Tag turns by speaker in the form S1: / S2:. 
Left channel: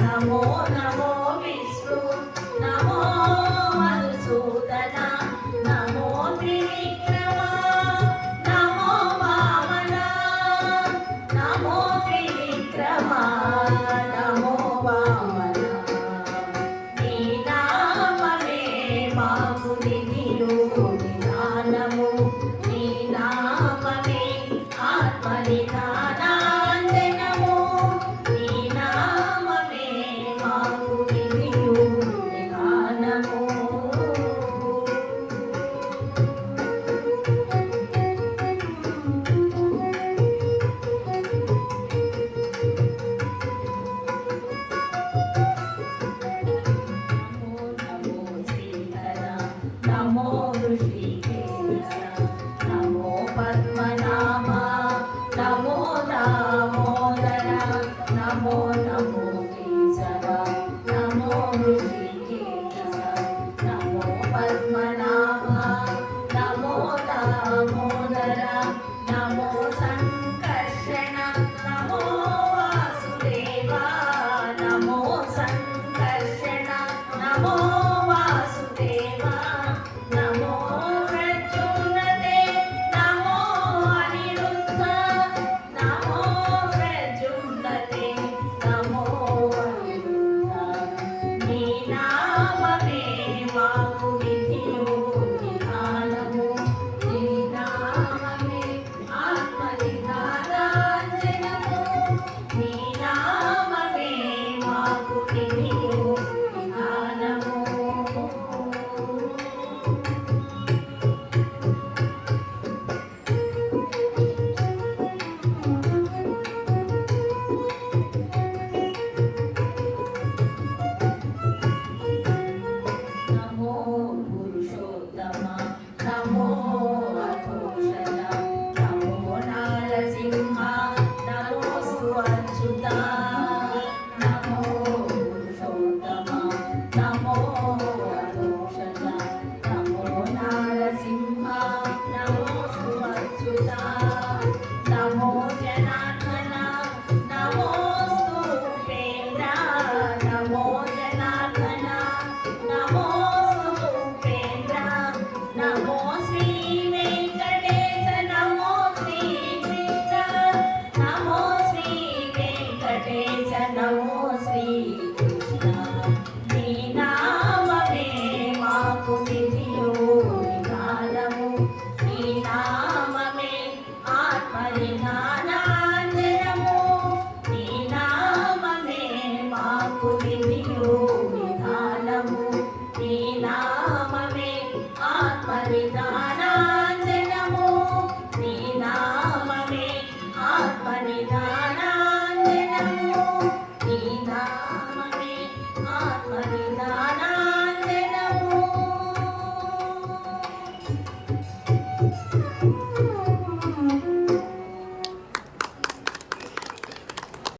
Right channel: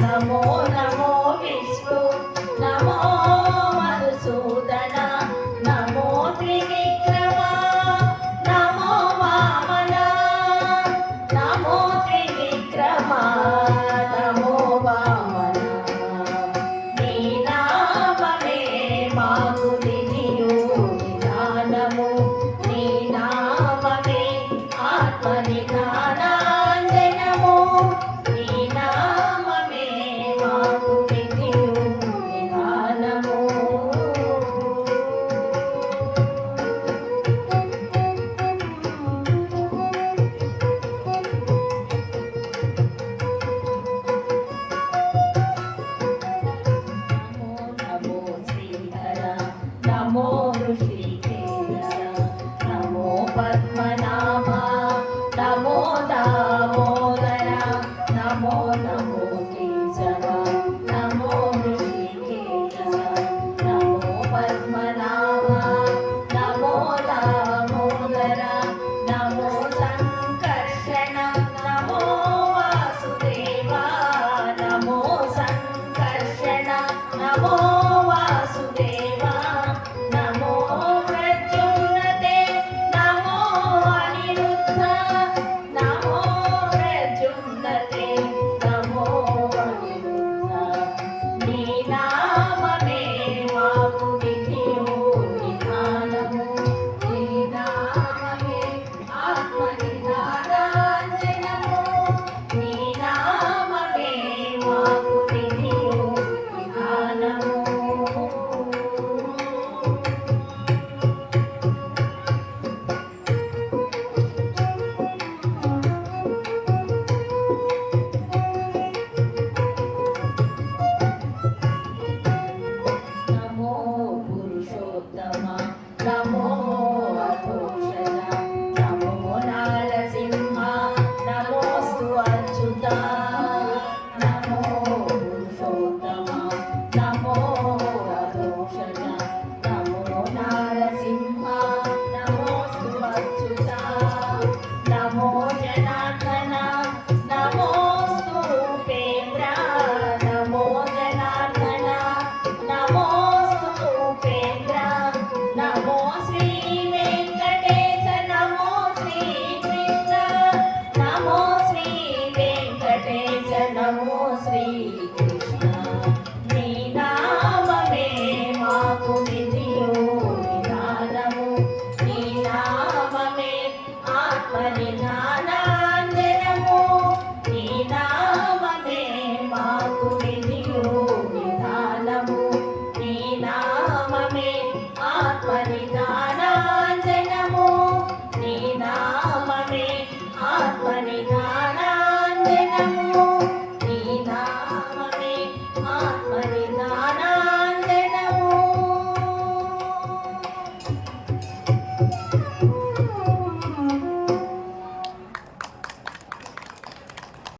S1: నమో నమో 我是。